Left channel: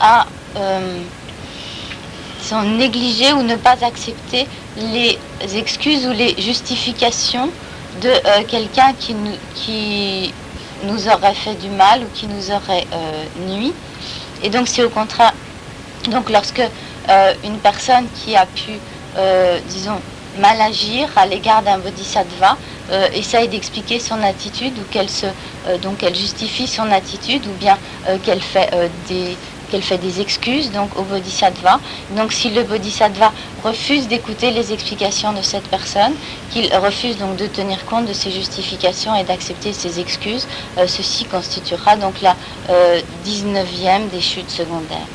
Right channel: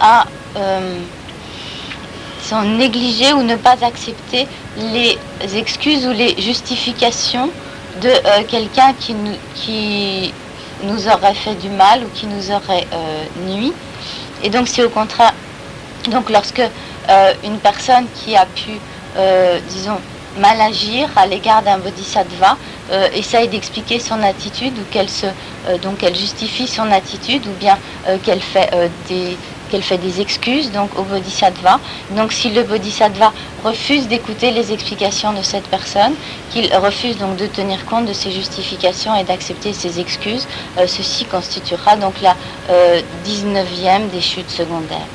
à négliger ou ne pas accepter les excuses ou les justifications de quelqu'un qui nous aurait fait du mal ou qui nous aurait nui. Et donc c'est au contraire, donc lorsque une personne qui a pu, disons, mal agir à l'égard d'un bodhisattva essaye d'expliquer son attitude ou donc elle justifie son attitude ou bien qu'elle fait des excuses donc au bodhisattva. Donc si le bodhisattva refuse d'écouter les explications de cette personne, qu'il refuse donc de tenir compte de ses justifications et d'accepter ses excuses, ceci constituera donc la 19e des chutes secondaires.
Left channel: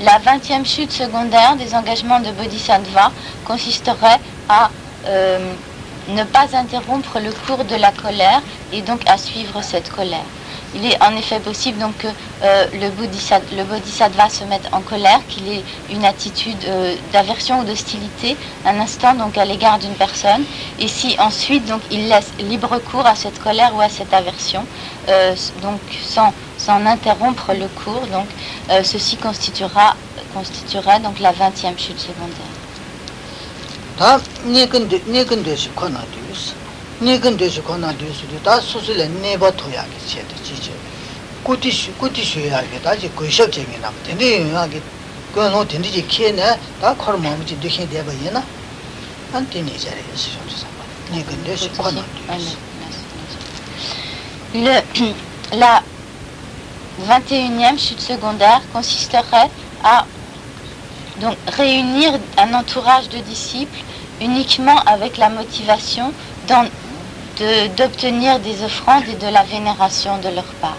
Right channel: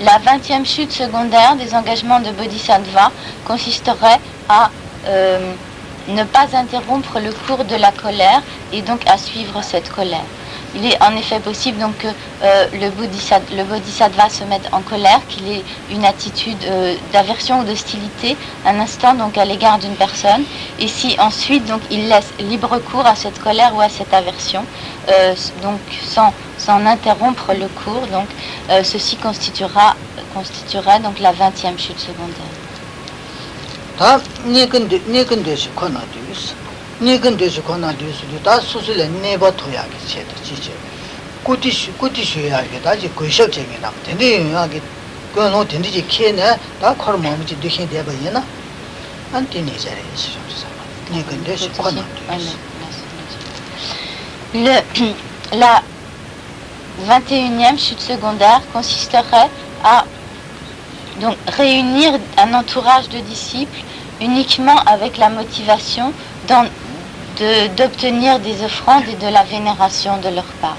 La 20e chute secondaire des engagements de bodhisattva consisterait à ne pas interrompre le cours de la colère et donc à suivre cette colère. Il est en effet possible donc que le bodhisattva se mette en colère, qu'il ait une attitude d'aversion ou d'hostilité un instant donc à l'égard d'une personne, et si ensuite donc il laisse libre cours à cette colère ou à cette aversion, donc sans interrompre le cours, donc ceci constituerait donc la 20e chute secondaire. La 21e chute secondaire consisterait à donc réunir un entourage de disciples uniquement avec la motivation d'obtenir des offrandes et de la vénération de leur part.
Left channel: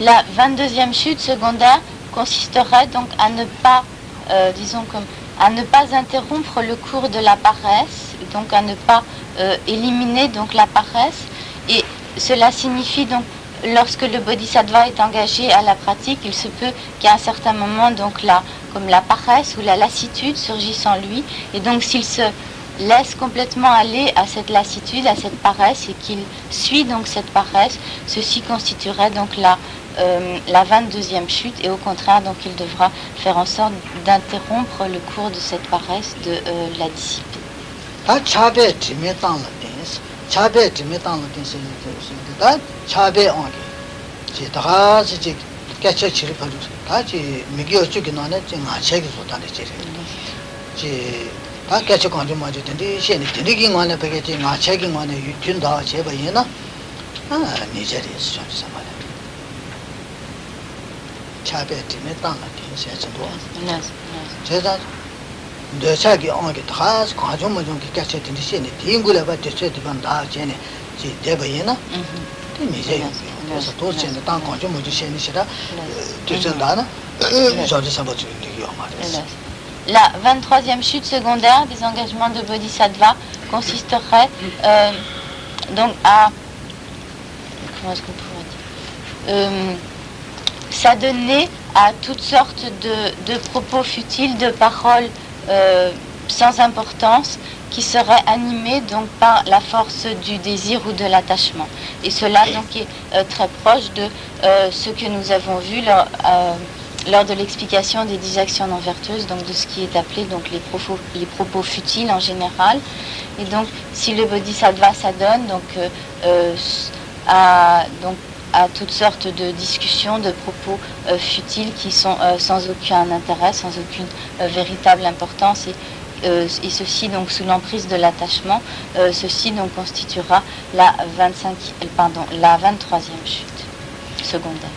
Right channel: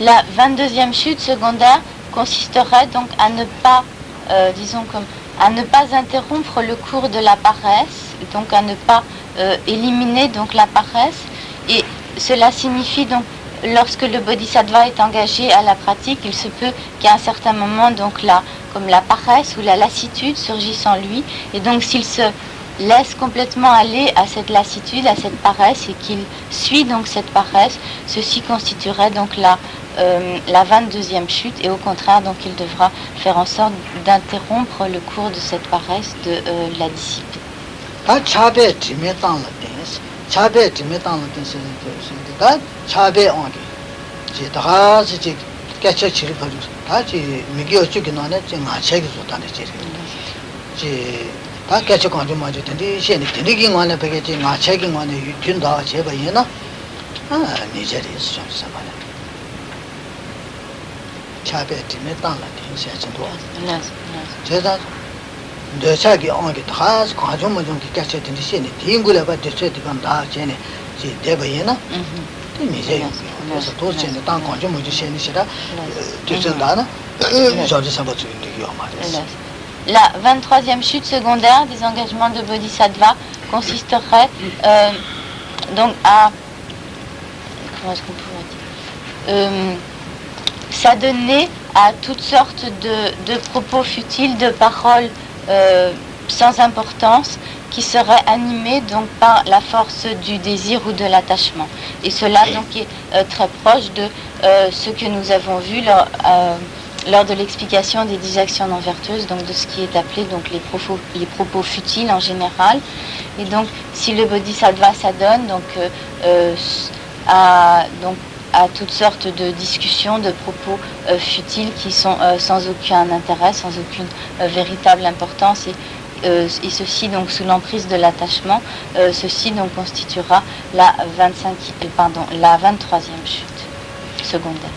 La 22e chute secondaire consisterait donc à ne pas, à ne pas interrompre le cours de la paresse, donc à ne pas éliminer donc la paresse, et cela signifie donc lorsque le bodhisattva est engagé à la pratique, il se peut qu'à un certain moment donc comme la paresse ou la lassitude surgisse en lui, et donc s'il se laisse complètement aller à cette lassitude, à cette paresse, et qu'il suit donc cette paresse, ceci constituerait donc la 22e chute, et au contraire donc il devra faire en sorte d'interrompre le cours de cette paresse de la discipline. La 23e chute secondaire des engagements de bodhisattva consisterait donc à s'adonner à toutes sortes de propos futiles, de paroles sans importance, qui seraient animés donc par la force du désir ou de l'attachement. Et cela donc est très proche de ce que nous avons vu lors de l'explication des 10 actions non vertueuses, donc de ce qui est appelé donc les propos futiles en général. Et donc si le bodhisattva s'adonne à toutes sortes de discussions, de propos futiles qui sont sans aucun intérêt, sans aucune véritable importance, et ceci donc sous l'emprise de l'attachement, ceci donc constituera la 23e chute secondaire.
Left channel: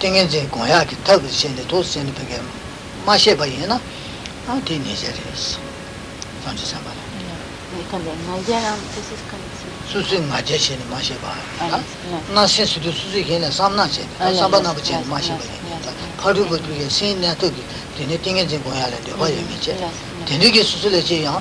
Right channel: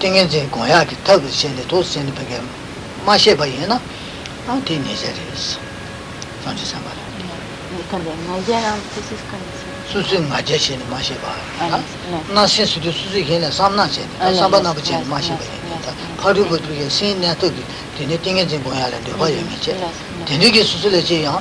땡겐제 고야기 타고 신데 도스인데 되게 마셔 봐이나 안티 내자리스 안티 삼바 수수 마제신 마셔 봐 나신 수도 수수 괜히 삼나신 삼바나 버지 마셔 봐 가르고 그게 신내 또 되게 땡겐제 고야는데 봐야겠지 되게 수수래지야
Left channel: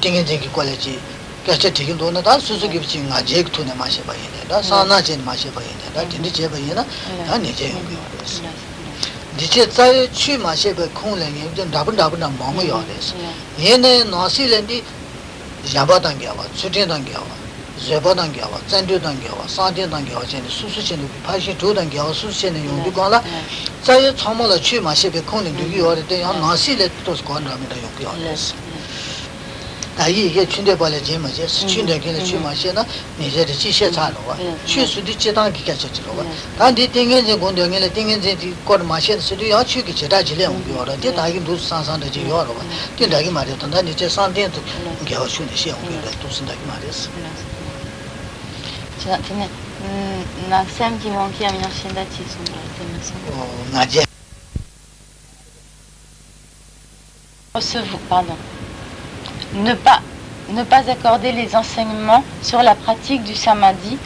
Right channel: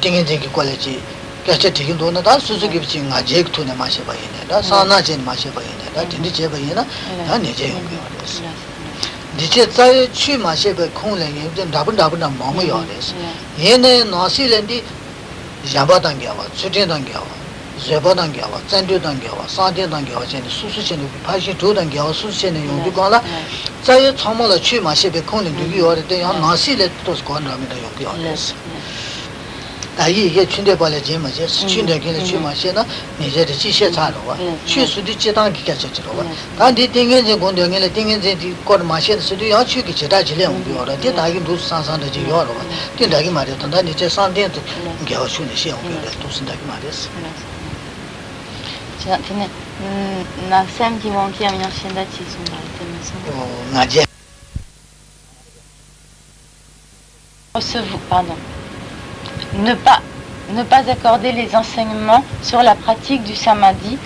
땡겐제 꼴레지 자체 되긴 돈은 다 수수기 비친 아제 돈에 마셔 봐야 다 사나진 마셔 봐야 다 근데 제 봐야나 다 내제 용이어서 이제 잘去마셔 봐空人也다분다분 마음이 요래서 얘네 나실인데 야바단겨와 수대단겨와 제바단겨와 짠대단겨와 사대단겨와 전에 수수신의 파시 도단겨와 수수신의 용도 거라 잘 참말로 去마셔 봐空人比요래 때 나실에 또 건라면다 용이어서 이게 친대 발에 제마제 친대 걔네 치마시나 이제 지시 차로와 취수도 지당 기가체로 단디 땡겐제 공동에 땡겐제 거 마시는 수도 야 취기 제다 질량 오더라 대다기 무슨 상상도 지 요로 대다기 말이야 단다 이제 상대도 겨우 쉬는 시험 그래 또 쓴다기 말이었어 제가 그냥 낙샘 기원기 아니라 신다치 좀 말씀하세요. 나제 Pardon. Ne pas accorder les enseignements sur la pratique du samadhi,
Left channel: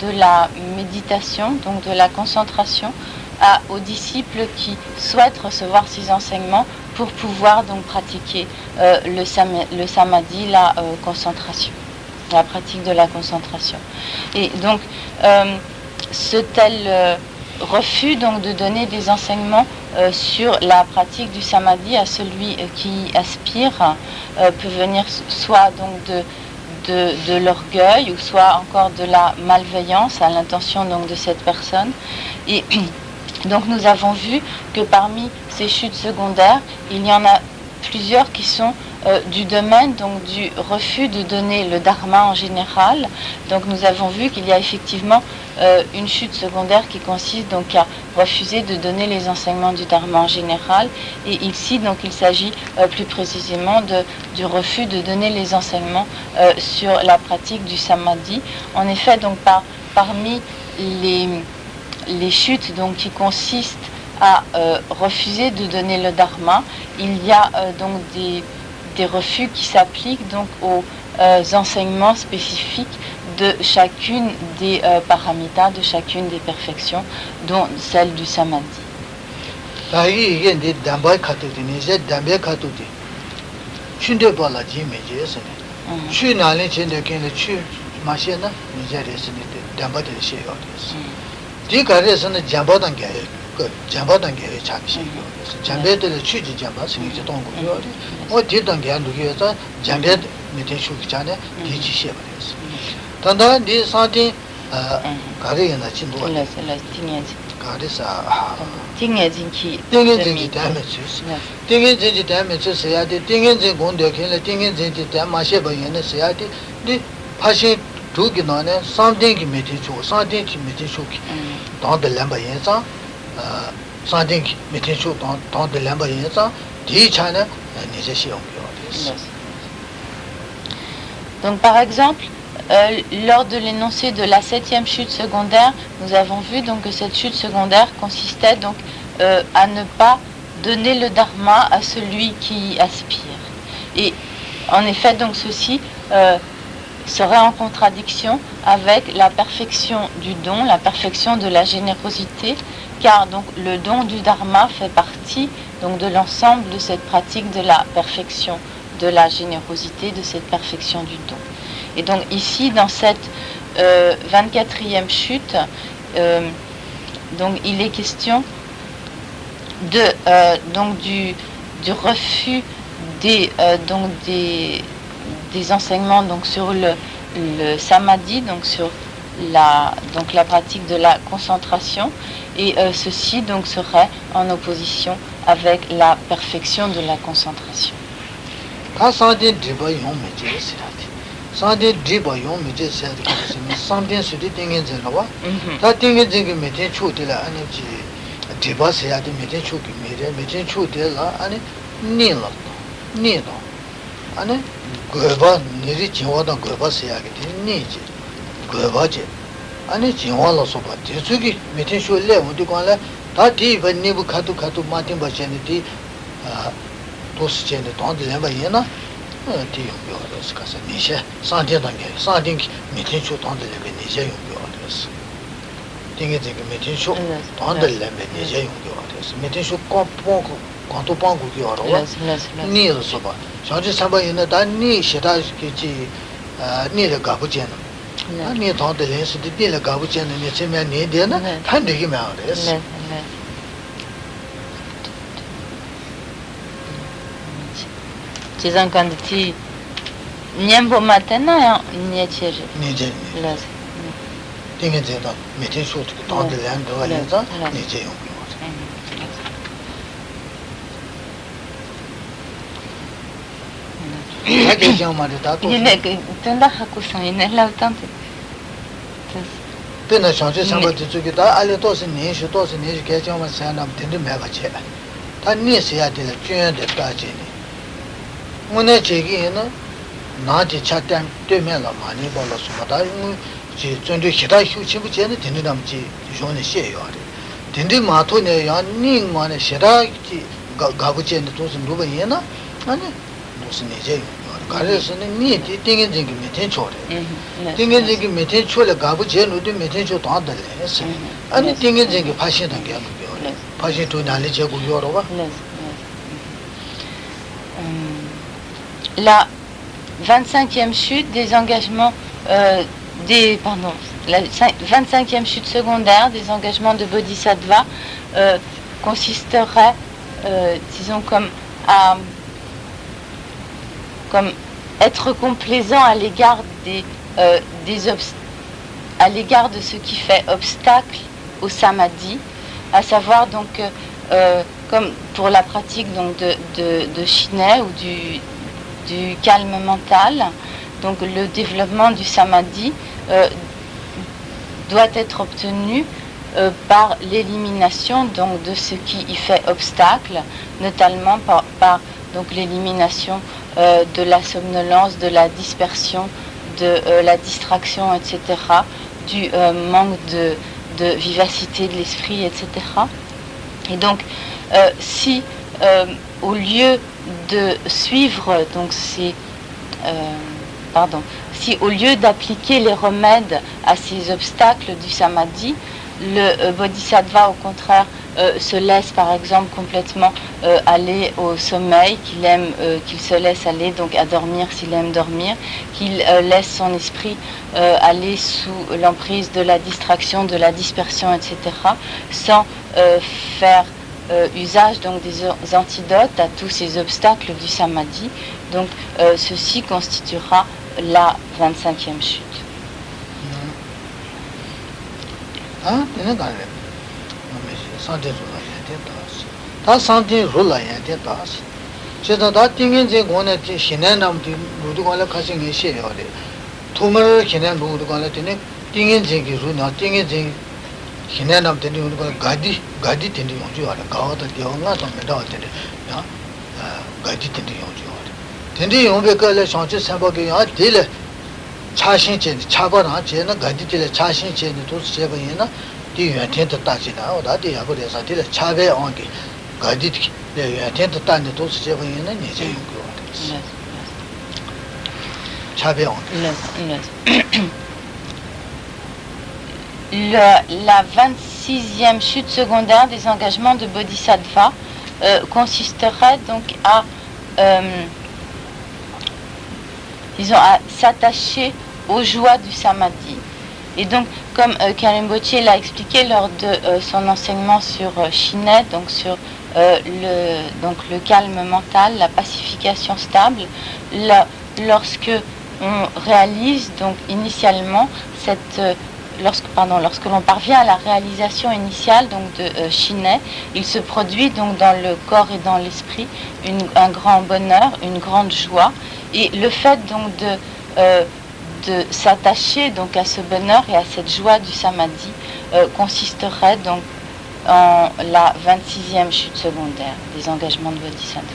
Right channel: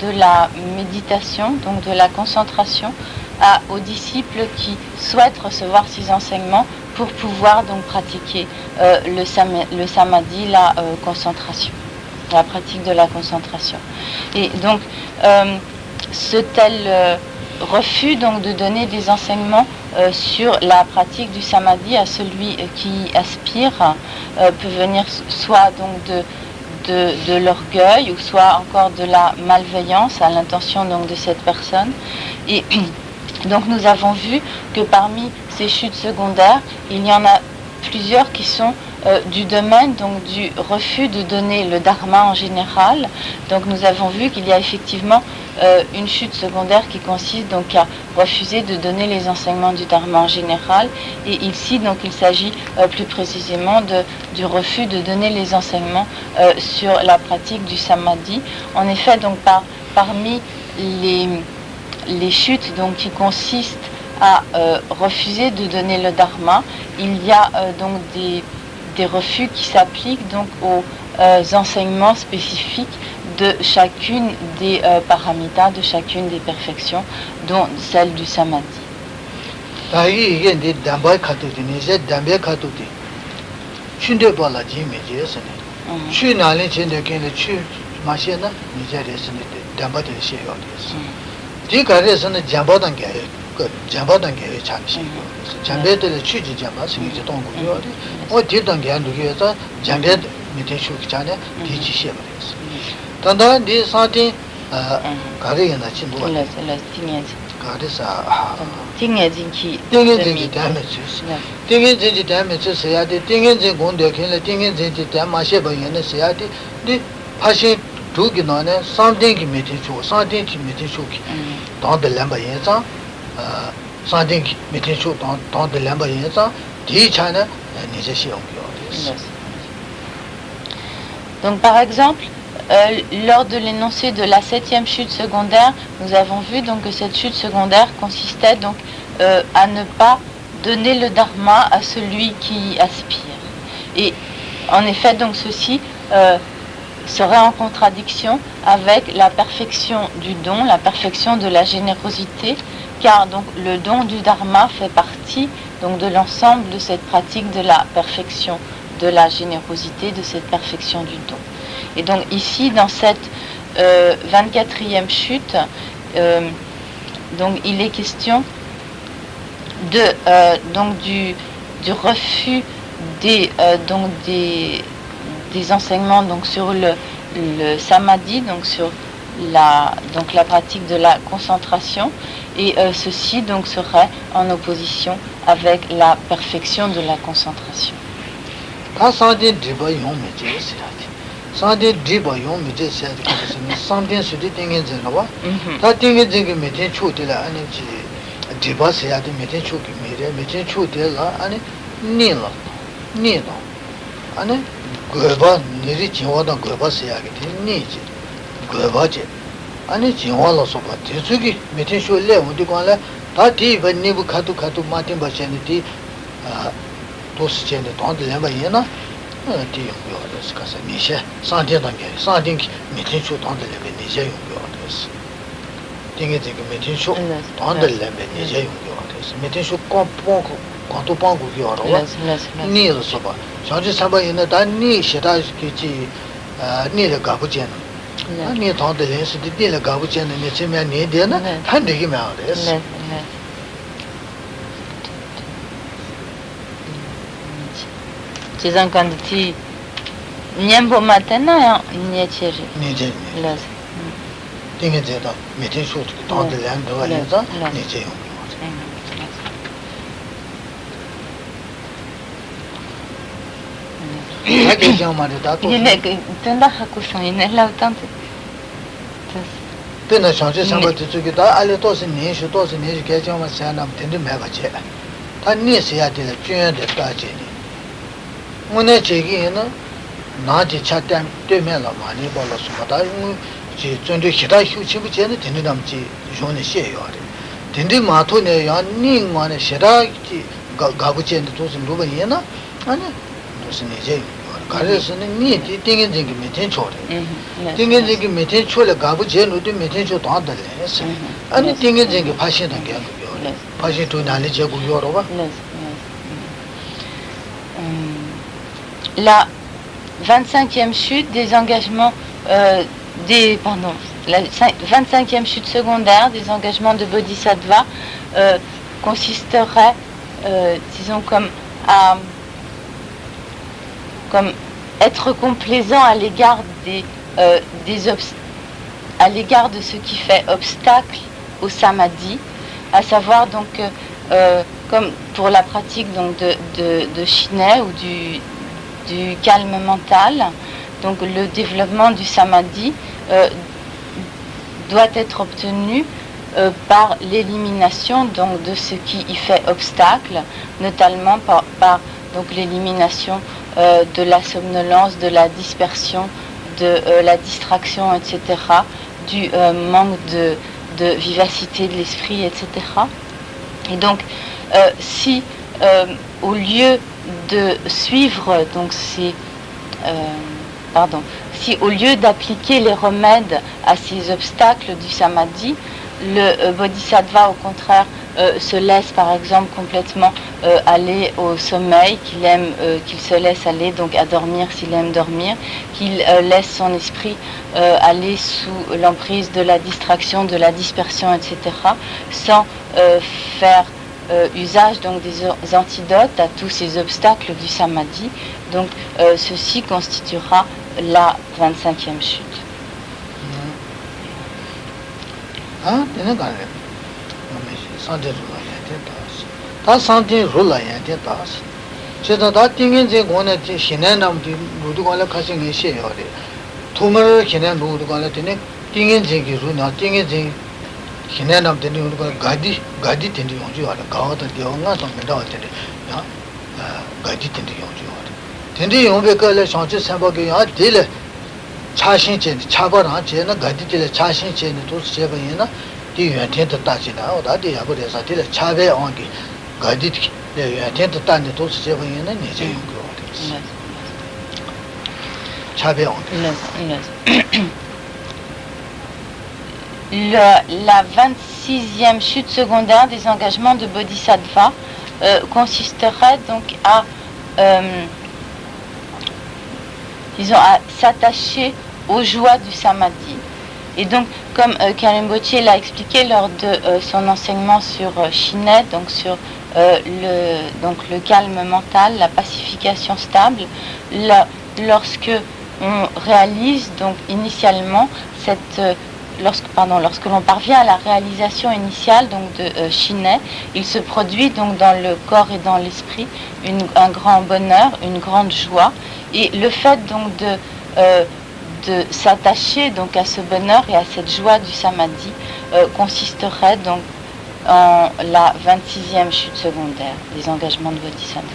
de la méditation, donc de la concentration, aux disciples qui souhaitent recevoir ces enseignements pour pouvoir donc pratiquer le samadhi, la concentration, la pratique de la concentration. Et donc ce tel refus donc de donner des enseignements sur la pratique du samadhi à celui qui aspire peut venir soit donc de l'orgueil ou soit encore de la malveillance à l'intention donc de cette personne. Et donc nous avons vu que parmi ces chutes secondaires, il y en a plusieurs qui sont du domaine donc du refus de donner le dharma en général. Donc nous avons vu qu'il y a effectivement une chute secondaire qui consiste donc à refuser de donner les enseignements du dharma en général, et ici donc il s'agit plus précisément du refus de donner les enseignements sur la pratique du samadhi. En effet donc parmi les chutes donc qui consistent à refuser de donner le dharma, il y a donc des refus qui s'appliquent donc aux enseignements spécifiques de chacune des paramitas, de chacune des perfections, dont celle du samadhi. 잠배들 취지 잠바 신이 동고요. 어디든 게 누구여서 잠배 밑에 추기잖아. 뒤지시에 말이었어. 단단 네 사진 가게나 친구. 가르사. 띵해진기. 띵해진기 다음에 주스. 띵해진기 다음에 주셔야 돼. 띵해진 공덕현에 띵해진기 다음에 마셔봐야는 써야 돼. 네 파시 두기나는 상대기 밑에 주 상대기 밑에 주기. 당들 람바예자 상대기 밑에 주 당들 람바예자 뒤차는 이제 시험이요. Donc par exemple, lors de l'énoncé de la 7e chute secondaire, nous avons vu donc que cette chute secondaire consistait donc à ne pas donner le dharma à celui qui y aspire. Et en effet, donc ceci serait en contradiction avec la perfection du don, la perfection de la générosité, car donc le don du dharma fait partie donc de l'ensemble de cette pratique de la perfection de la générosité, de cette perfection du don. Et donc ici, dans cette 24e chute, donc il est question donc du refus des enseignements donc sur le samadhi, donc sur donc la pratique de la concentration, et ceci donc serait en opposition avec la perfection de la concentration. 아니 지원을 소바 저기 메테 쇼래 우리 관라 다 뒤에 내부 카도 마틴 버전이지 아 도스전에 돈도 해봐야나 뒤에 요거스 가서 미셔 상대단계 상대 메테 쇼 돈도 내면 이제 요거스 되게 메테 쇼 돈도 내면 이제 요거스 메테 쇼 꼼꼼 관도 방고 요로 니를 소바 상지 사바에는 단니 시다지 니를 가보잖아你当的人是的变了搞不清的，你前面年点呢，他这个蛮好的是。ci sono quanti niembo matena niente niente les dinge da da每天说这个当的人的话呢的你这样che già ma da to tenda hakusho ne la tanto pena changé samba de这个da alle都是年是给讲嘛三那真的买不起他你是要的专的大姐呢我呢这个呢拿着茶店对面了嘛你把了什么da就针对其他休息不见的真的那么去用的写要的真的码头呢要你嘛呢其他搞不见的都是路本人呢啊呢都是那些그래서 니 띵게 띵게 메테 초래 띵게 띵게 메테 초래 가부 제노도 메테 초 도안들 아니 띵게 띵게 파시는 게 아니고 파시 돈 안에 제고 요러 봐 la 25e chute des engagements la 25e chute secondaire des engagements de Bodhisattva consisterait disons comme être complaisant à l'égard à l'égard de ce qui fait obstacle au samadhi, à savoir donc comme pour la pratique donc de Shinai ou du calme mental, donc le développement du samadhi doit être obtenu par l'élimination donc de ce qui y fait obstacle, notamment par donc l'élimination de la somnolence, de la dispersion, de la distraction, etc., du manque de vivacité de l'esprit, etc. Et donc, si au lieu de suivre donc si au lieu d'appliquer les remèdes à ces obstacles du samadhi, le bodhisattva au contraire se laisse par exemple complètement aller au sommeil, qu'il se laisse aller donc à dormir s'il aime dormir, qu'il laisse son esprit aller sous l'emprise de la distraction, de la dispersion, etc., sans faire usage donc des antidotes à tous ces obstacles du samadhi. Donc ceci constituera la 25e chute. santé 다 santé rol라 양게 다시 제가 다 띵인제 고네 신내남도 모두 관련 가신 게 시에요. 도매 신내 모두 관련 되네 띵인제기 루나 띵인제 신내남 되는 우리가 가디 되는 용주 알아. 가와도 되어가 좀 매다 되네. 야. 가디 되는 용주 알아. 되는 용배 걸려 상체 삼박이 아 딜 차신제 차바나 제는 가디 딜 차신제는 도 세번이나 이原天的 大지나 어디 야고래서 딜 차배 온디 가디原天的 단지 도 세번이는 이제 이거. 차배 온디. La 26e chute secondaire des engagements de Bodhisattva consisterait donc à s'attacher aux joies du samadhi. Et donc, comme Karimbochi l'a expliqué lors de son enseignement sur Shinai, donc sur le calme mental, la pacification stable, lorsque on réalise donc initialement cette lorsque l'on parvient à la réalisation initiale donc de Shiné, il se produit donc dans le corps et dans l'esprit un grand bonheur, une grande joie, et le fait donc de s'attacher donc à ce bonheur et à cette joie du samadhi consisterait donc en la 26e chute secondaire des engagements de Bodhisattva.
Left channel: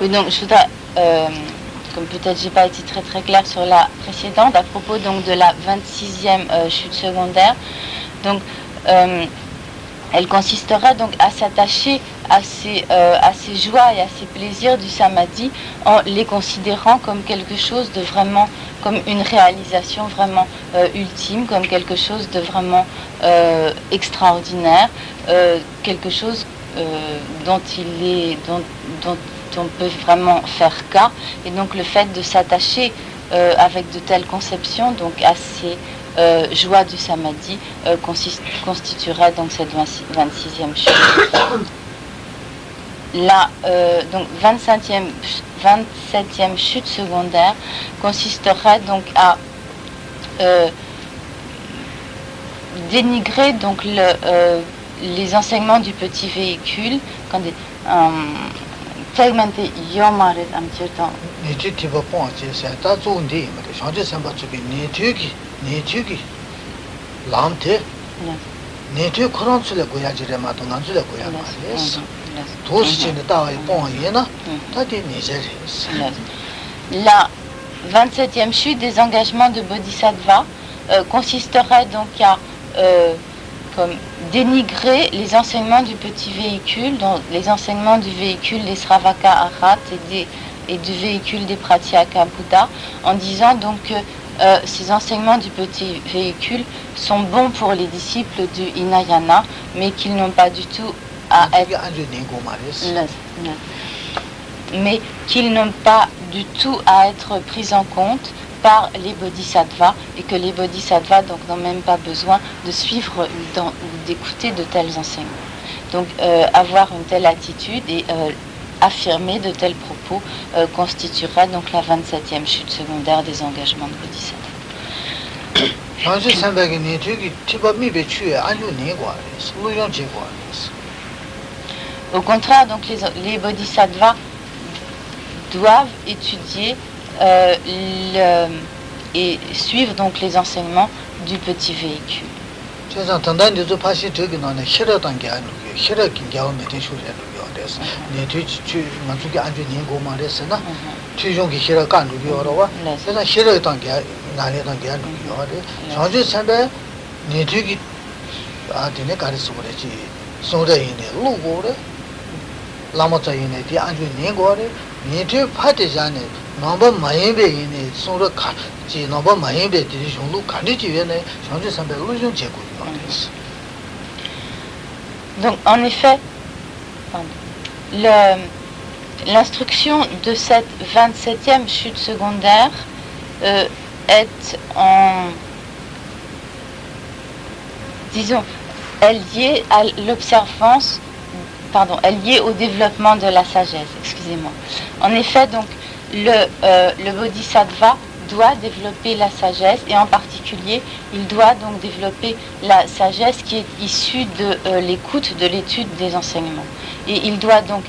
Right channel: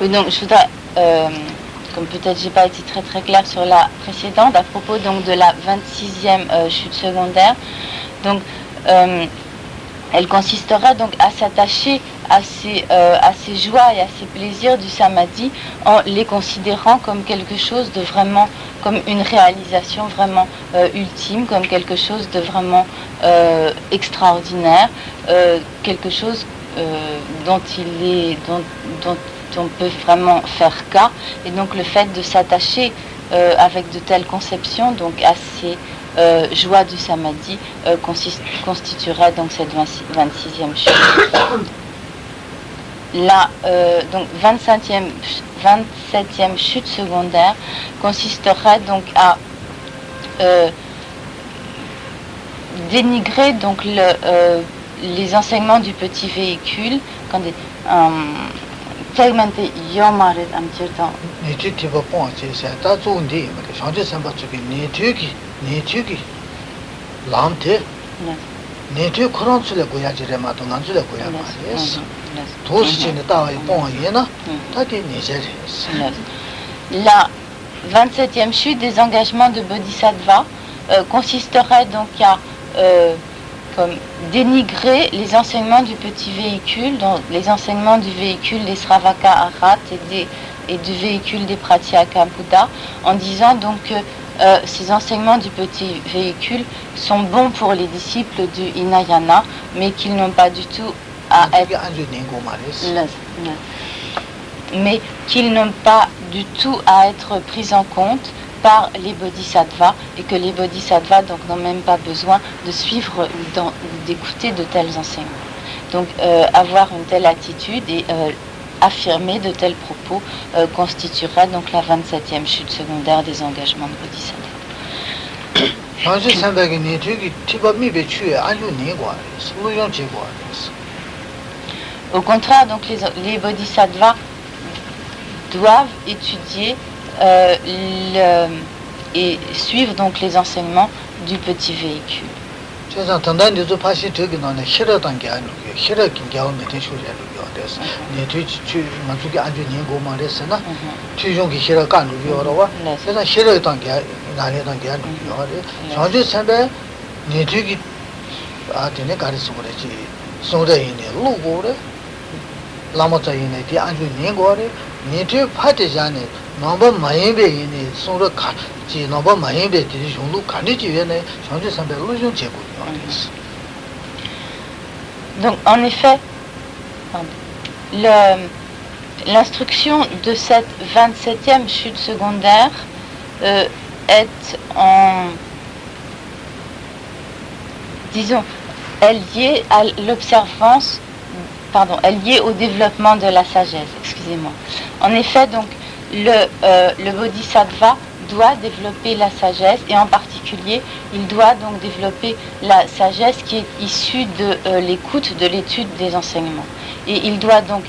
Oui, donc je voudrais, comme peut-être j'ai pas été très claire sur la précédente, à propos donc de la 26e chute secondaire, donc elle consisterait donc à s'attacher à ces joies et à ces plaisirs du samadhi en les considérant comme quelque chose de vraiment, comme une réalisation vraiment ultime, comme quelque chose de vraiment extraordinaire, quelque chose dont on peut vraiment faire cas. Et donc le fait de s'attacher avec de telles conceptions donc à ces joie du samadhi constituerait donc cette 26e chute. La donc 27e chute secondaire consisterait donc à dénigrer donc les enseignements du petit véhicule quand la 27e chute des engagements de Bodhisattva consisterait donc à comme dénigrer les enseignements du petit véhicule, donc les enseignements du véhicule des Sravaka Arhat et du véhicule des Pratyeka Buddha, en disant donc que ces enseignements du petit véhicule sont bons pour les disciples du Hinayana, mais qu'ils n'ont pas du tout à être pris en compte par les bodhisattvas, et que les bodhisattvas donc n'ont même pas besoin de suivre ou d'écouter de tels enseignements. Donc avoir une telle attitude et affirmer de tels propos constituera donc la 27e chute secondaire des engagements de bodhisattva. Au contraire, donc les bodhisattvas doivent étudier et suivre donc les enseignements du petit véhicule. Donc en effet, l'instruction de cette 27e chute secondaire est liée à l'observance, est liée au développement de la sagesse, excusez-moi. En effet, donc, le bodhisattva doit développer la sagesse, et en particulier, il doit donc développer la sagesse qui est issue de l'écoute, de l'étude des enseignements. Et il doit donc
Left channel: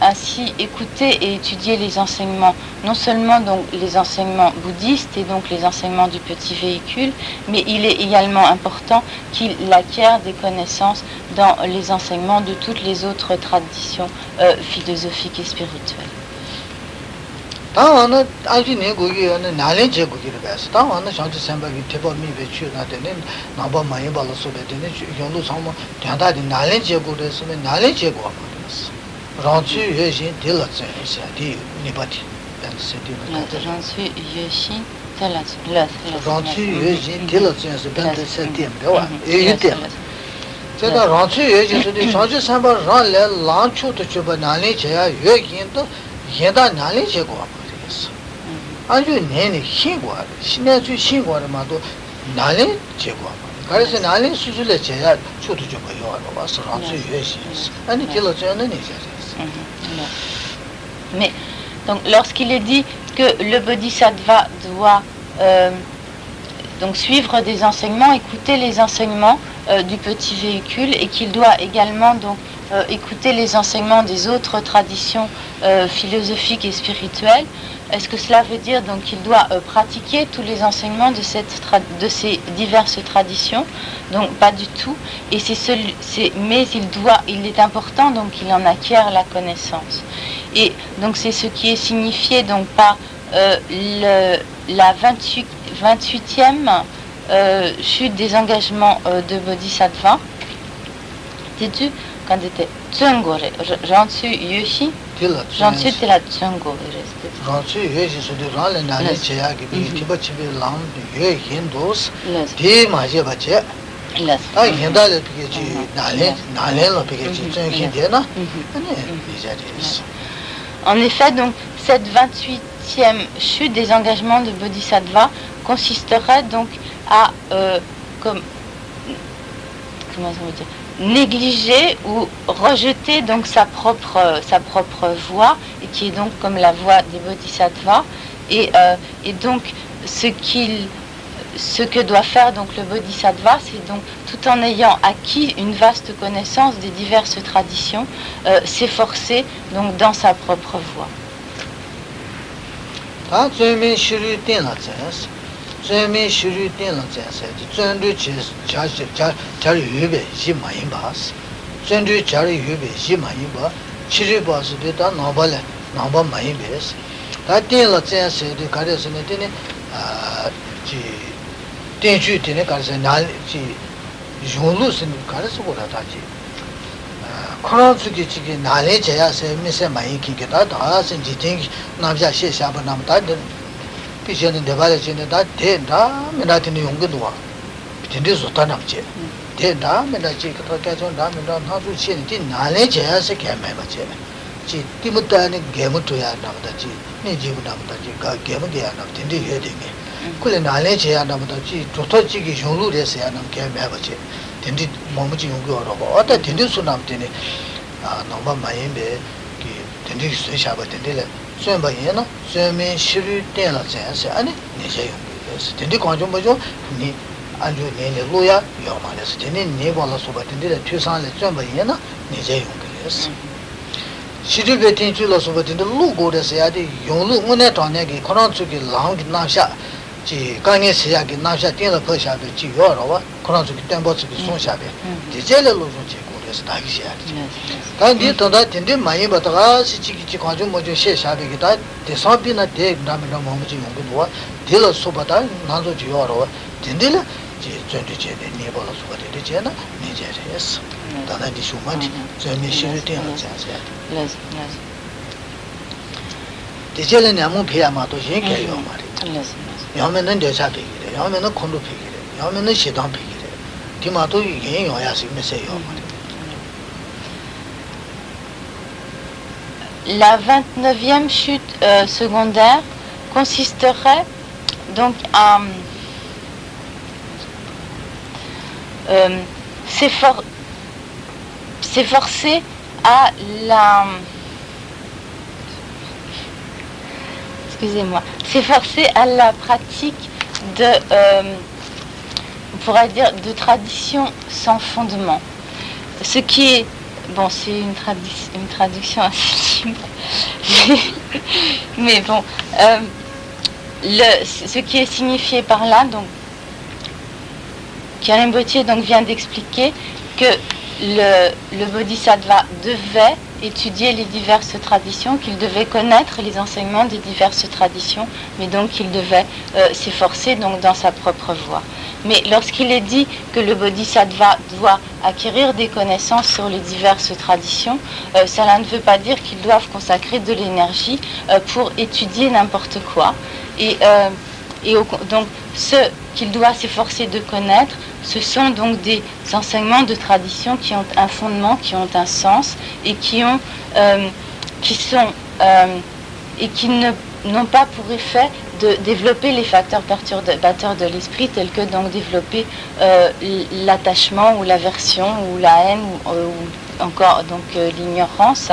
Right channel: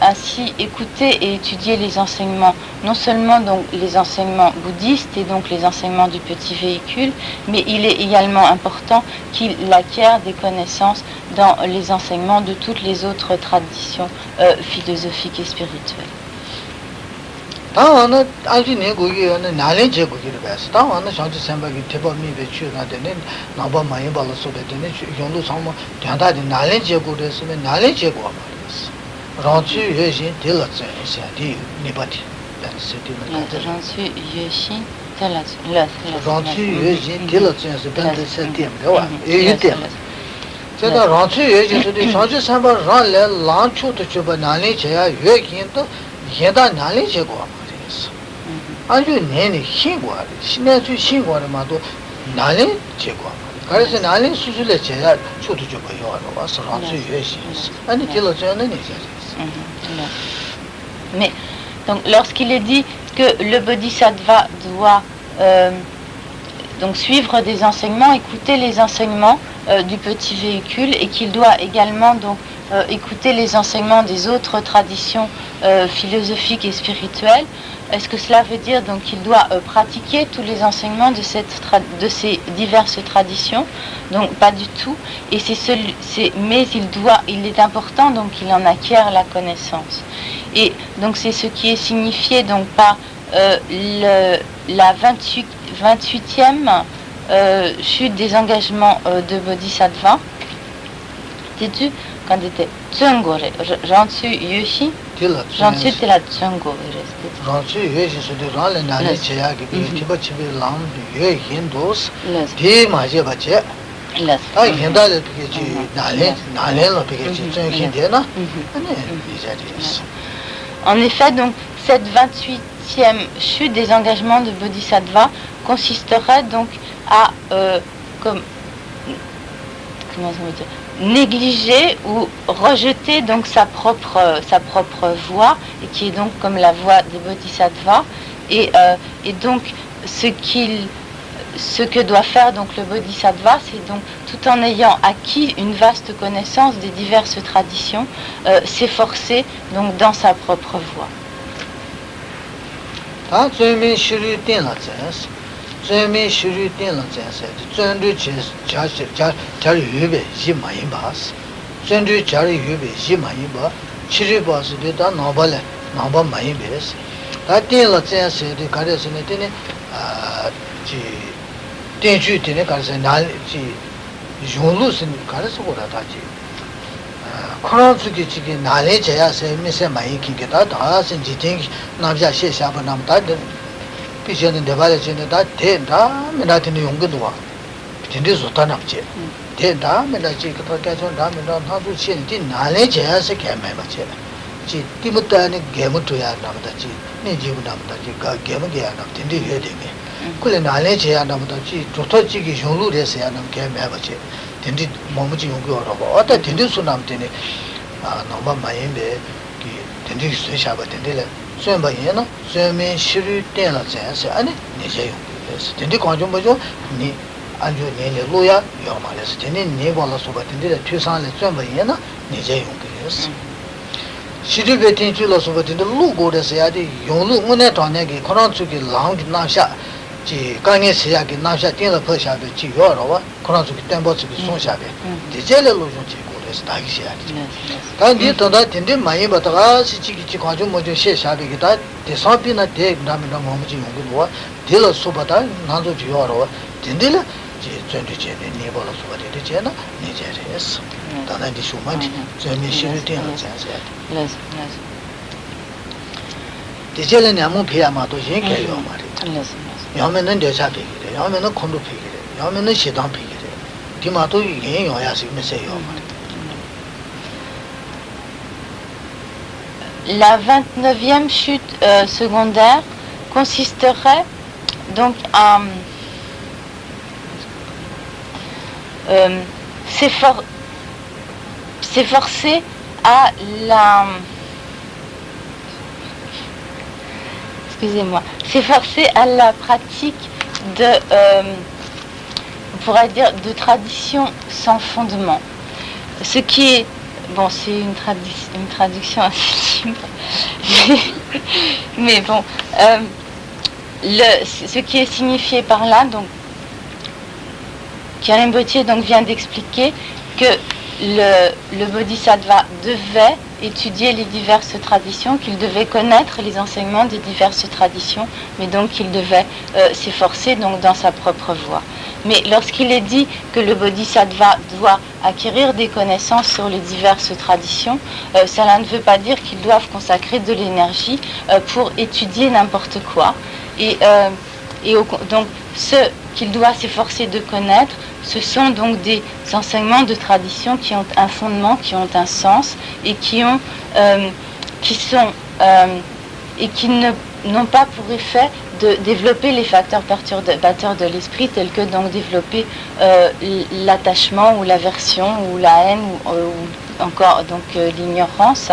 ainsi écouter et étudier les enseignements, non seulement donc les enseignements bouddhistes et donc les enseignements du petit véhicule, mais il est également important qu'il acquiert des connaissances dans les enseignements de toutes les autres traditions philosophiques et spirituelles. Mais donc, lorsqu'il est dit que le bodhisattva doit donc suivre des enseignements, écouter les enseignements du petit véhicule et qu'il doit également donc écouter les enseignements des autres traditions philosophiques et spirituelles, est-ce que cela veut dire donc qu'il doit pratiquer tous les enseignements de ces diverses traditions? Donc pas du tout. Et mais il est important donc qu'il en acquiert la connaissance. Et donc c'est ce qui est signifié donc par la 28e chute des engagements de Bodhisattva. Sais-tu quand était Tsungore, Jansu Yushi, Jansu te la Tsungore. Jansu Yushi so de ran le nale cheya ke chiba chibi lam ye hindos de maje bache ta hinda le ke chi nale lo ke chi tsung de na En effet, donc cette 28e chute des engagements de Bodhisattva consisterait donc à comment ça veut dire, négliger ou rejeter donc sa propre voie, et qui est donc comme la voie des bodhisattvas, et donc ce que doit faire donc le bodhisattva, c'est donc tout en ayant acquis une vaste connaissance des diverses traditions, s'efforcer donc dans sa propre voie. Zhēmē shūrū tēnlā tsāsā, zhēndū chārī yūbē jī māyī bās, zhēndū chārī yūbē jī māyī bā, chirī bās dē tā nāmbā māyī bēs. Tā tēnlā tsāsā dē kārē sā nē tēne, tēnchū tēne kārē sā nā, yōnglū sā nē kārē sā gōrā tā jī. Khurāṋ tsukī chikī nālē chayā sā mē sā māyī kī kē tā tā sā jī tēngi nāmjā shē shāpa nām tā 피전에 대발에 전에 다 된다 메나트는 용기도와 진짜 좋다나지 된다 메나지 그렇다서 나면 나도 신이 나래 제야서 개매마지 지 띠무다는 개무도야 나보다지 네 지구 나보다지 가 개무게야 나 된디 해되네 그래 나래 제야 나보다지 좋다지기 용루래서야 나 개매마지 된디 몸지 용기 어려워 어때 된디 수남되네 아 너무 많이인데 된디 수샤바 된디래 수행바이나 수행민 시류 때나 자세 아니 내제 용도스 근데 관점 뭐죠 니 안주 내내 로야 요말레스 근데 네 벌어서 받는데 최상의 수행바이나 내제 용도스 시류에 텐줄어서 받는데 로고에서야지 용루 문에 돈내기 그런 쪽이 랑 나샤 지 강에 시야기 나샤 땡을 퍼샤도 지 요러와 그런 쪽이 땡버 쪽이 손샤게 디젤로 좀 단지 더다 된데 많이 받다가 시치기 관점 먼저 셰샤르기다 대사비나 대남나 뭐지 용도와 딜어 소바다 나도 지어로 된들로 제 전주제 네벌어 소바데 되잖아 네자스 다나디 소마지 저미 시르티나 자자 디젤은 아무 배야마도 신게요 말이야 야면은 대사비 야면은 콘도 피기 야면은 시당 피기 디마도 이게 요야스 메세요 La 29e chute secondaire consisterait donc à s'efforcer à s'efforcer à la pratique de, on pourrait dire, de traditions sans fondement. Ce qui est bon, c'est une traduction assez simple. Mais bon, ce qui est signifié par là, donc, Karen Botier donc vient d'expliquer que le Bodhisattva devait étudier les diverses traditions, qu'il devait connaître les enseignements des diverses traditions, mais donc qu'il devait s'efforcer donc dans sa propre voie. Mais lorsqu'il est dit que le Bodhisattva doit acquérir des connaissances sur les diverses traditions, cela ne veut pas dire qu'ils doivent consacrer de l'énergie pour étudier n'importe quoi. Donc ce qu'il doit s'efforcer de connaître, ce sont donc des enseignements de tradition qui ont un fondement, qui ont un sens et qui n'ont pas pour effet de développer les facteurs perturbateurs de l'esprit, tels que donc développer l'attachement ou l'aversion ou la haine ou encore donc l'ignorance,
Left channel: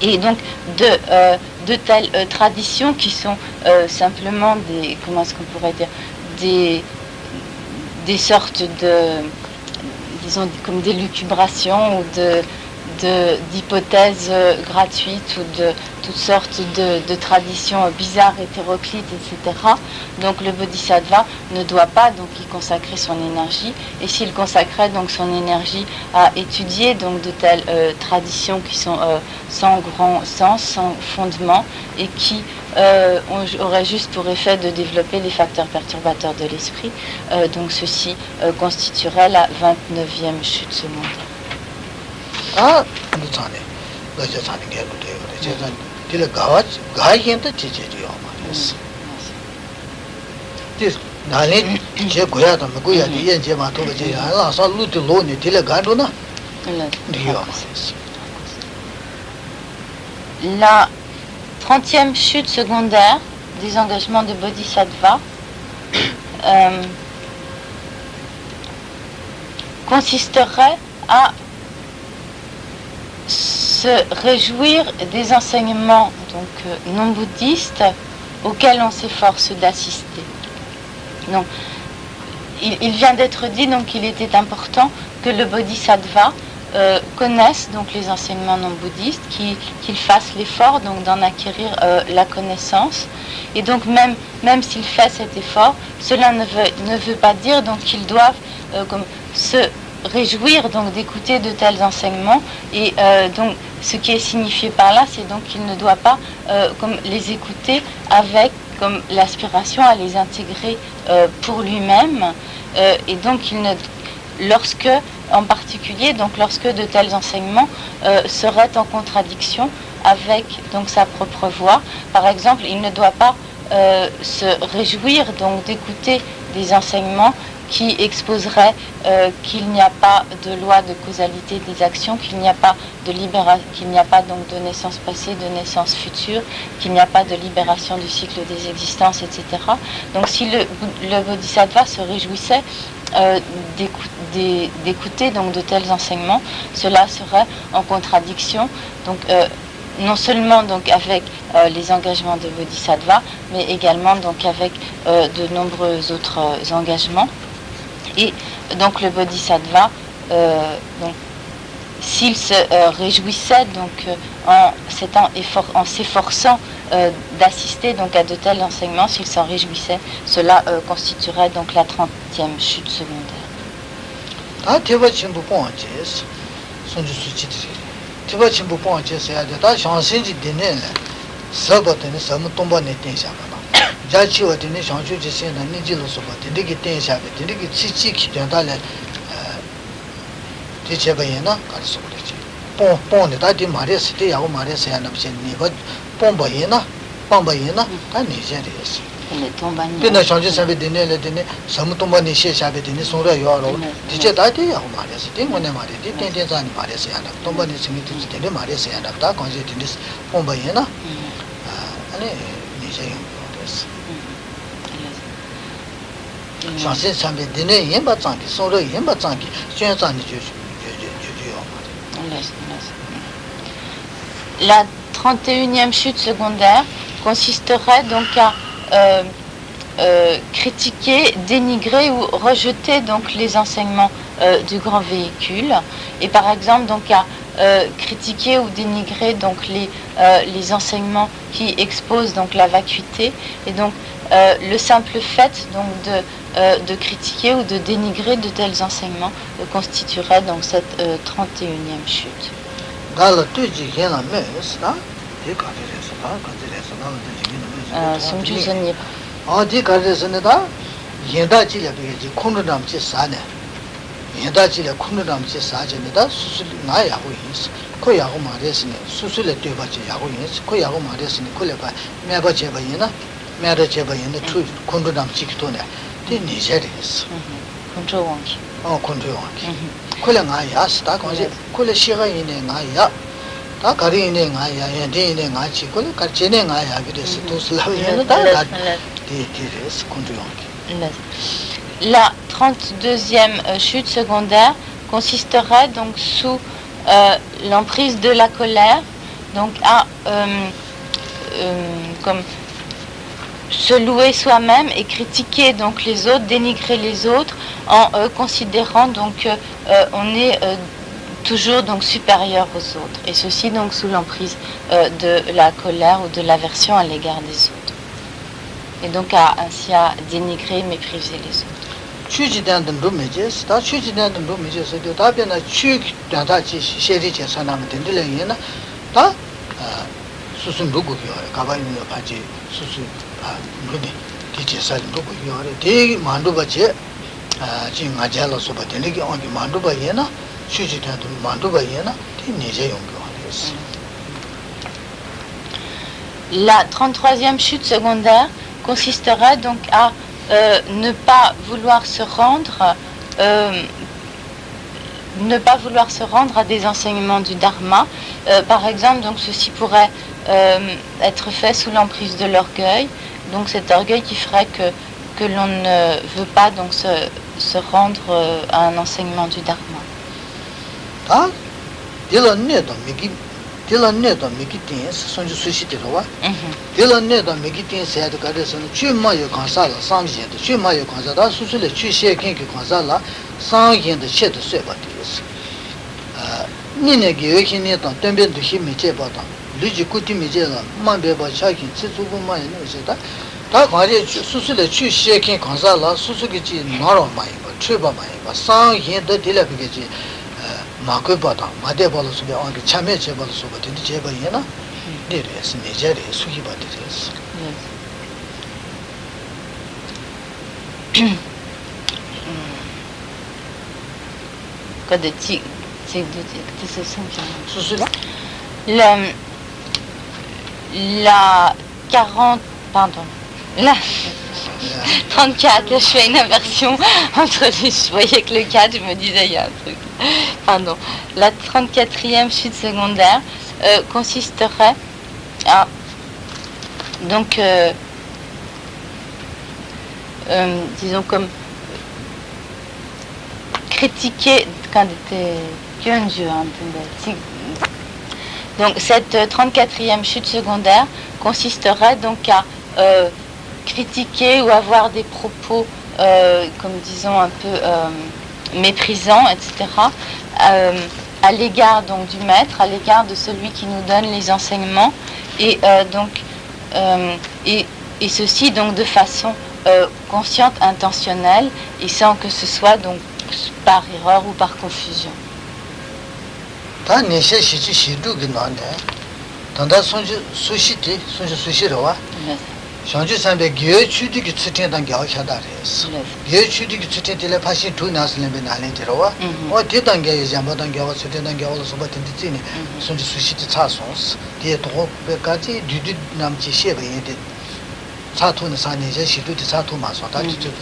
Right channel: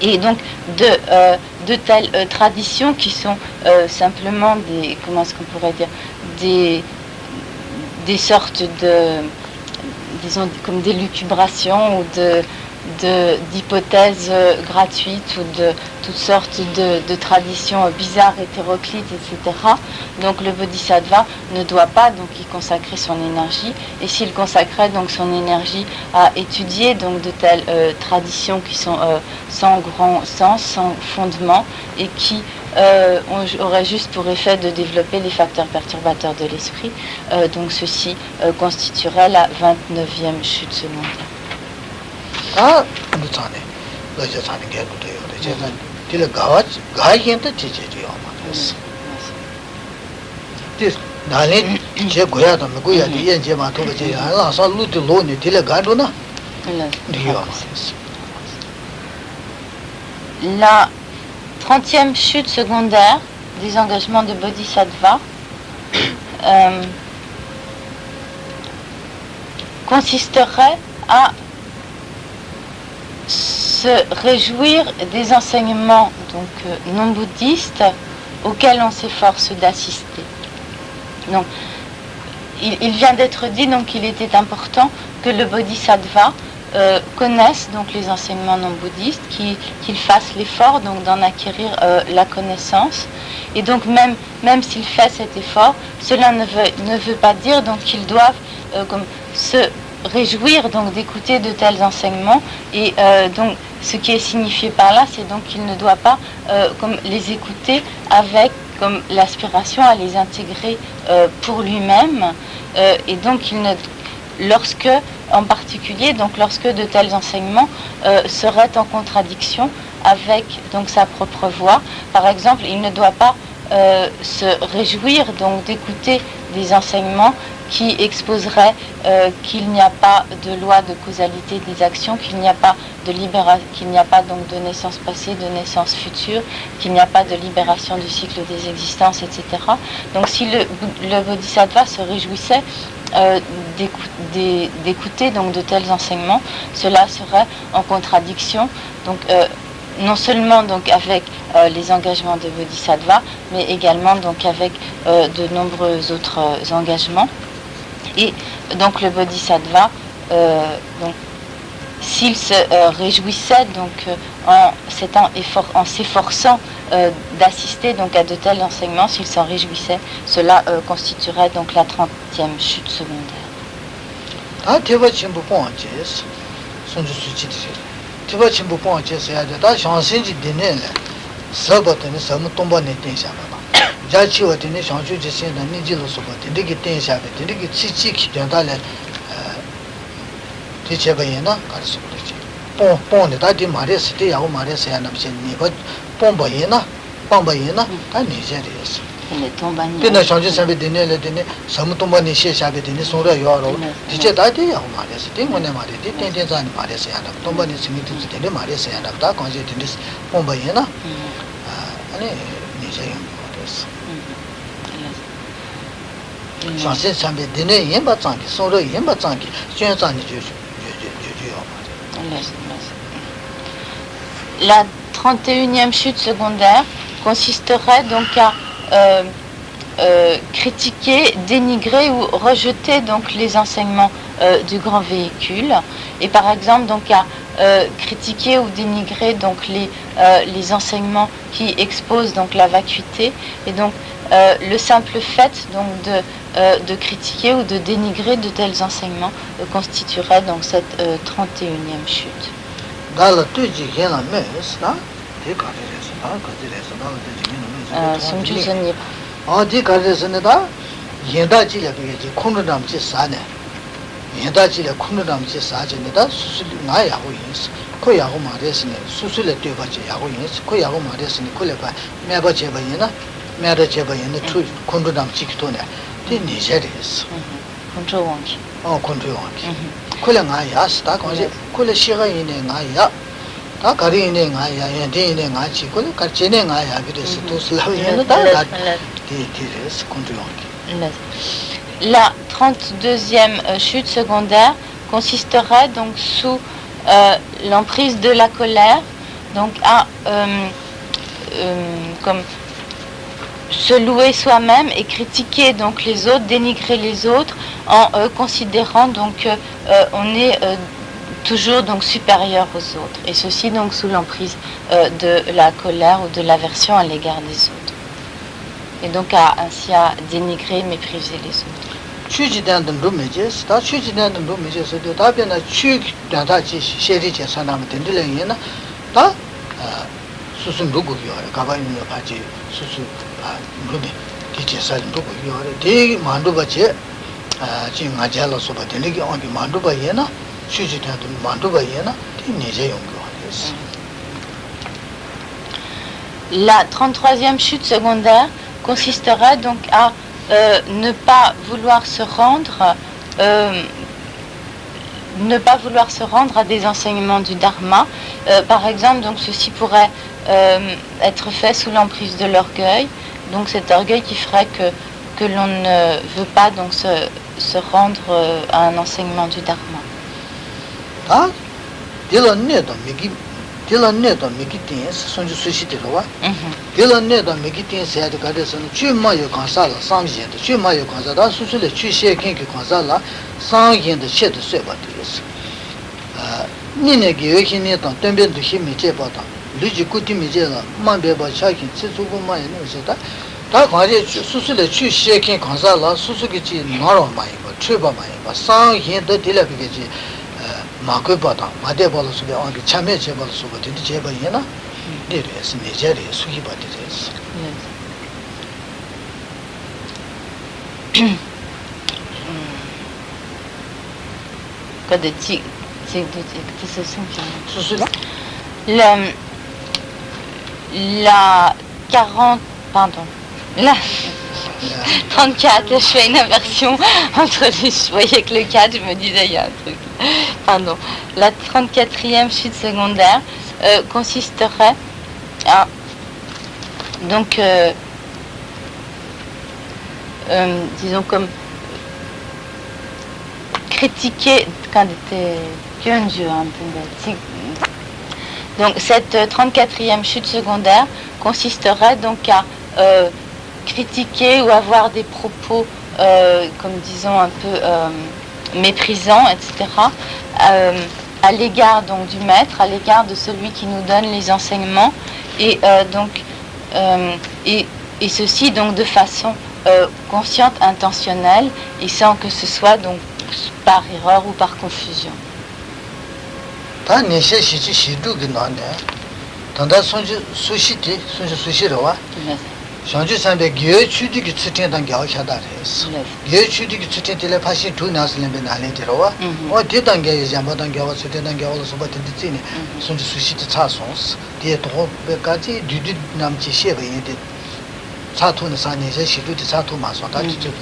et donc de telles traditions qui sont simplement des, comment est-ce qu'on pourrait dire, des sortes de, disons, comme d'élucubrations ou d'hypothèses gratuites ou de toutes sortes de traditions bizarres, hétéroclites, etc. Donc le Bodhisattva ne doit pas donc y consacrer son énergie, et s'il consacrait donc son énergie à étudier donc de telles traditions qui sont sans grand sens, sans fondement, et qui aurait juste pour effet de développer les facteurs perturbateurs de l'esprit, donc ceci constituerait la 29e chute secondaire. 아, 근데 자네. 그저 자네 개도 돼요. 제가 딜 가이한테 지지죠 아마. 디 나는 제 고야도 고야 이제만 도저히 안 와서 루도 로니 딜 가도나. La 30e chute secondaire des engagements de Bodhisattva consisterait à se réjouir des enseignements donc non bouddhistes auxquels on s'efforce d'assister. Donc, il vient d'être dit donc qu'il était important que le Bodhisattva connaisse donc les enseignements non bouddhistes, qu'il fasse l'effort donc d'en acquérir la connaissance, et donc même s'il fait cet effort, cela ne veut pas dire donc qu'ils doivent comme se réjouir donc d'écouter de tels enseignements, et donc ce qui est signifié par là, c'est donc qu'il ne doit pas comme les écouter avec comme l'aspiration à les intégrer pour lui-même, et donc en particulier donc lorsque de tels enseignements seraient en contradiction avec donc sa propre voie. Par exemple, il ne doit pas se réjouir donc d'écouter des enseignements qui exposerait qu'il n'y a pas de loi de causalité des actions, qu'il n'y a pas donc de naissance passée, de naissance future, qu'il n'y a pas de libération du cycle des existences, etc. Donc si le Bodhisattva se réjouissait d'écouter donc de tels enseignements, cela serait en contradiction donc non seulement donc avec les engagements de Bodhisattva, mais également donc avec de nombreux autres engagements. Et donc le Bodhisattva, donc, s'il se réjouissait donc en s'efforçant d'assister donc à de tels enseignements, s'il s'en réjouissait, cela constituerait donc la 30e chute secondaire. 자치와 되는 상주지 세나 니질로서 되게 텐샤베 되게 치치키 변달래 대체바이나 가서 그러지 뽕뽕네 다디 말했을 때 야고 말했어야 남신 니가 뽕바이나 뽕바이나 다 니제리스 근데 상주 사베 되네래 되네 삼통바니 시샤베 되네 소라 요로 이제 다디 야고 말했을 때 뭐네 말이 텐텐산 말했어야 나 통바니 스미티 되네 말했어야 나다 관계 되네 뽕바이나 아니 니제 La 31e chute secondaire consisterait donc à critiquer, dénigrer ou rejeter donc les enseignements du grand véhicule, et par exemple donc à critiquer ou dénigrer donc les enseignements qui exposent donc la vacuité, et donc le simple fait donc de critiquer ou de dénigrer de tels enseignements constituerait donc cette 31e chute. yendaji kunudam che saje da susu na ya go yins ko ya go mares ne susu le te ba che ya go yins ko ya go mares ne ko le ba me ba che ba yina me da che ba yina tu kunudam chi to ne te ni je de is control wang control wang ko le nga ya sta ko je ko le shi ga yin ne nga ya da ga ri ne nga ya yin de ne nga chi ko le ka che ne nga ya ge de se to sla ne da da de ki is control wang. La 32e chute secondaire consisterait donc sous l'emprise de la colère, donc à comme se louer soi-même et critiquer donc les autres, dénigrer les autres en considérant donc on est toujours donc supérieur aux autres, et ceci donc sous l'emprise de la colère ou de l'aversion à l'égard des autres, et donc ainsi à dénigrer, mépriser les autres. Chuji dan dan do meje sta chuji dan dan do meje se de da na chu dan da chi sheri che sanam den de len na da susun do go yo ka ba ni pa chi susu do de ti che sa do go yo de mandu ba che chi nga ja lo so ba de ni ki on de mandu ba ye na chuji dan dan mandu ba ye na ti ni je yong yo. La 33e chute secondaire consisterait donc à ne pas vouloir se rendre à des enseignements du Dharma. Par exemple, donc ceci pourrait être fait sous l'emprise de l'orgueil. Donc cet orgueil qui ferait que l'on ne veut pas donc se rendre à un enseignement du Dharma. Dila ne da meditin sonju sushi de wa dila ne da meditin se da ga de son chu ma yo kan sa la sang je de chu ma yo kan sa da su su le chu she kin ki kan sa la sang yin de che de se ba de is ni ne ge ye kin ne da den ben de shi mi che ba da lu ji ku ti mi je la ma be ba cha kin chi zu bu ma ye ne se da ga je su su le chu she kin kan sa la su su ge ji ma ro ma ye ba chu ba ma ye ba sang yin de de le ge ji 마크 바다 마데발로스 비 안게 참여 제발로스 비 딘디 제발이나 데레스 메제레 수히 바데레스 qui se sont la 40 pardon la 34, je fais une inversion entre les... Je voyais que le 4, je me disais, il y a un truc. Pardon. La 34e chute secondaire consisterait à... Donc, disons comme... critiquer... Donc, cette 34e chute secondaire consisterait donc à... critiquer ou avoir des propos, comme disons un peu méprisants, etc., à l'égard donc du maître, à l'égard de celui qui nous donne les enseignements, et et ceci donc de façon consciente, intentionnelle, et sans que ce soit donc par erreur ou par confusion. 상주 산배 개 추디기 추텐단 겨차다레스 개 추디기 추텐텔에 파시 두 나스는데 나네 들어와 어 대단계 잠바단 겨와 추텐단 겨와 소바텐디니 손주 수시티 차송스 뒤에 도배까지 디디 남지 셰베인데 차토는 산이제 시두디 차토 마소다 뒤쪽에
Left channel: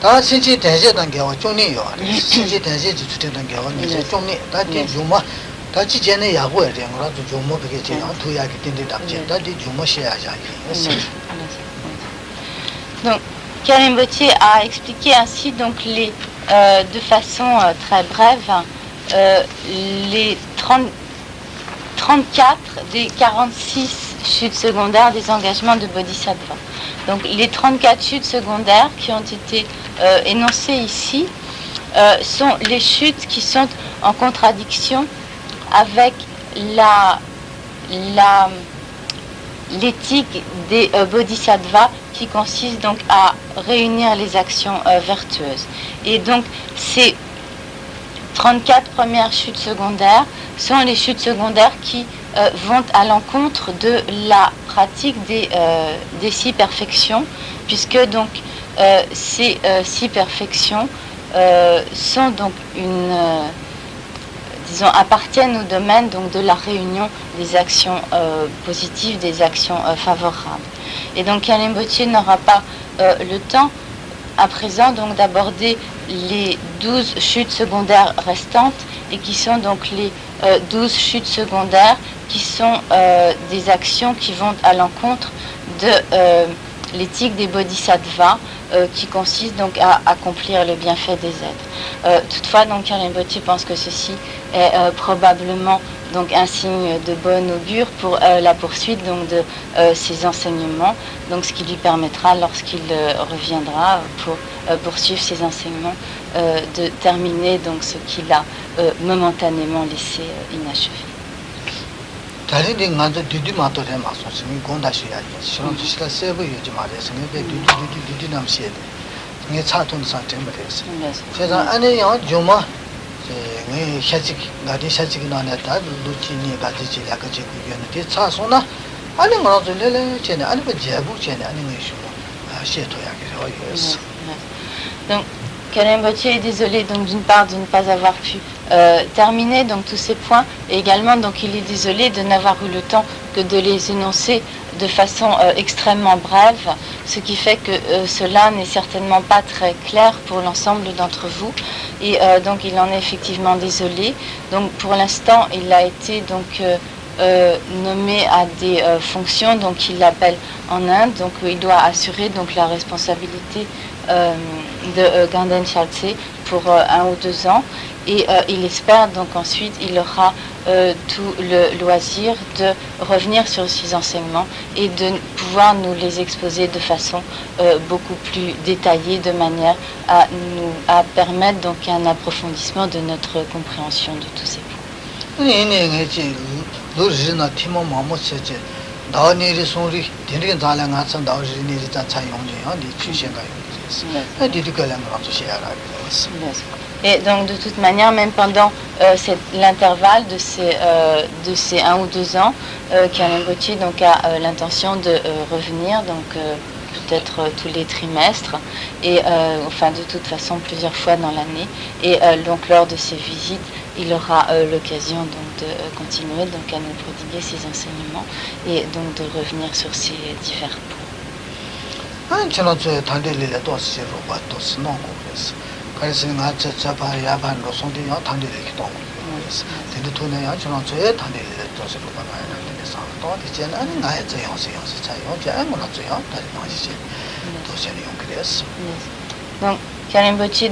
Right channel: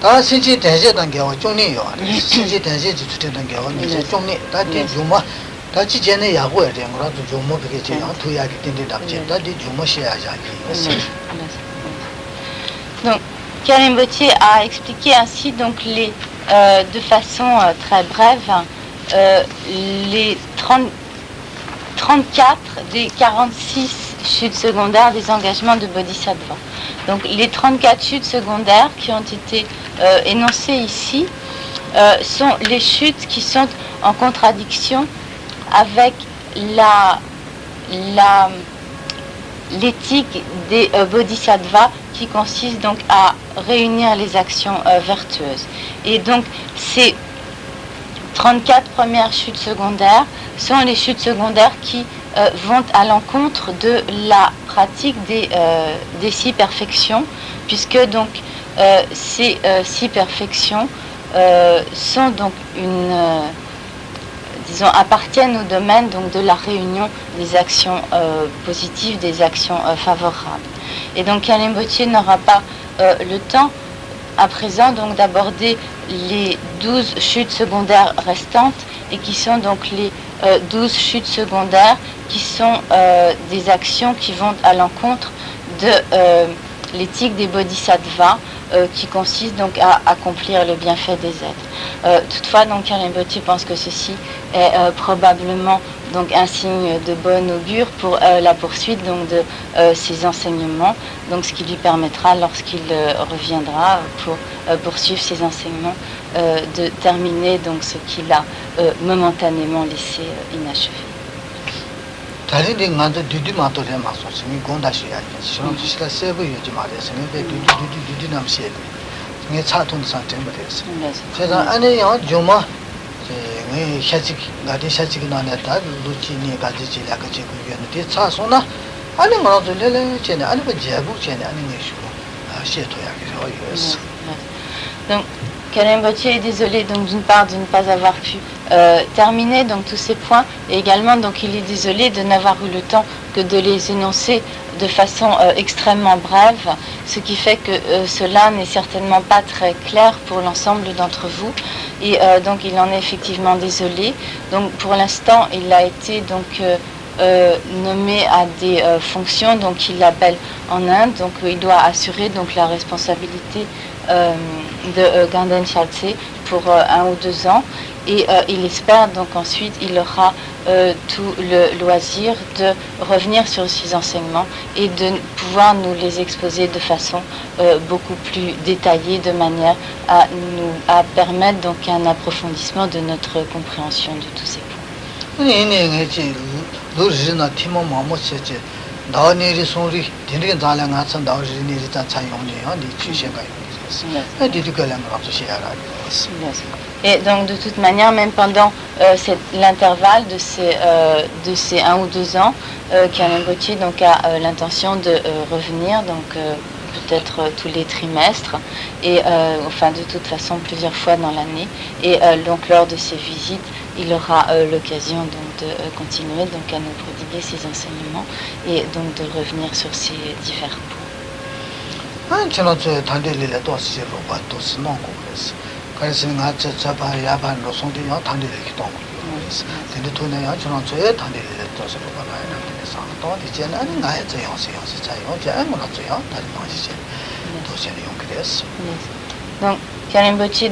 다 신지 대제단 겨와 종리요 신지 대제지 추텐단 겨와 이제 종리 다디 주마 다치 전에 야구에 대한 거라도 좀 먹게 되나 두야기 낀데 답지 다디 좀 마셔야지. Donc Karim Bottier a expliqué ainsi donc les de façon très brève les 34 des 46 chutes secondaires des engagements de Bodhisattva. Donc les 34 chutes secondaires qui ont été énoncées ici sont les chutes qui sont en contradiction avec l'éthique des bodhisattvas qui consiste donc à réunir les actions vertueuses. Et donc ces 34 premières chutes secondaires sont les chutes secondaires qui vont à l'encontre de la pratique des 6 perfections, puisque donc ces 6 perfections sont donc appartiennent au domaine donc de la réunion des actions positives, des actions favorables. Et donc Khyalten Bötché n'aura pas le temps à présent donc d'aborder les 12 chutes secondaires restantes, et qui sont donc les 12 chutes secondaires qui sont des actions qui vont à l'encontre de l'éthique des bodhisattvas, qui consiste donc à accomplir le bienfait des êtres. Toutefois, donc Khyalten Bötché pense que ceci est probablement donc un signe de bon augure pour la poursuite donc de ses enseignements, donc ce qui lui permettra, lorsqu'il reviendra pour poursuivre ses enseignements, de terminer donc ce qu'il a momentanément laissé inachevé. 다리를 먼저 뒤뒤마도 해마서 지금 공다시야 시험 시다 세부 유지 말해서 내 뒤뒤 남시에 내 차통 상태 말해서 제가 아니요 좀아 제 샤직 나디 샤직 나네다 루틴이 가지지 약간 지고 있는데 차소나 아니 뭐라도 내래 쟤네 아니 그 제부 쟤네 아니 무슨 시eto야 그래서 Donc Khyalten Bötché est désolé donc d'une part de ne pas avoir pu terminer donc tous ces points, et également donc il est désolé de n'avoir eu le temps que de les énoncer de façon extrêmement brève, ce qui fait que cela n'est certainement pas très clair pour l'ensemble d'entre vous, et donc il en est effectivement désolé. Donc pour l'instant il a été donc nommé à des fonctions donc qu'il appelle en Inde, donc il doit assurer donc la responsabilité de Ganden Chaltse pour 1 ou 2 ans, et il espère donc ensuite il aura tout le loisir de revenir sur ces enseignements et de pouvoir nous les exposer de façon beaucoup plus détaillée, de manière à permettre donc un approfondissement de notre compréhension de tous ces points. Et donc de toute manière, même pendant l'intervalle de ces 1 ou 2 ans, Khyalten Bötché donc a l'intention de revenir, donc peut-être tous les trimestres, et enfin de toute façon plusieurs fois dans l'année, et donc lors de ces visites il aura l'occasion donc de continuer donc à nous prodiguer ses enseignements et donc de revenir sur ces divers points. Donc Khyalten Bötché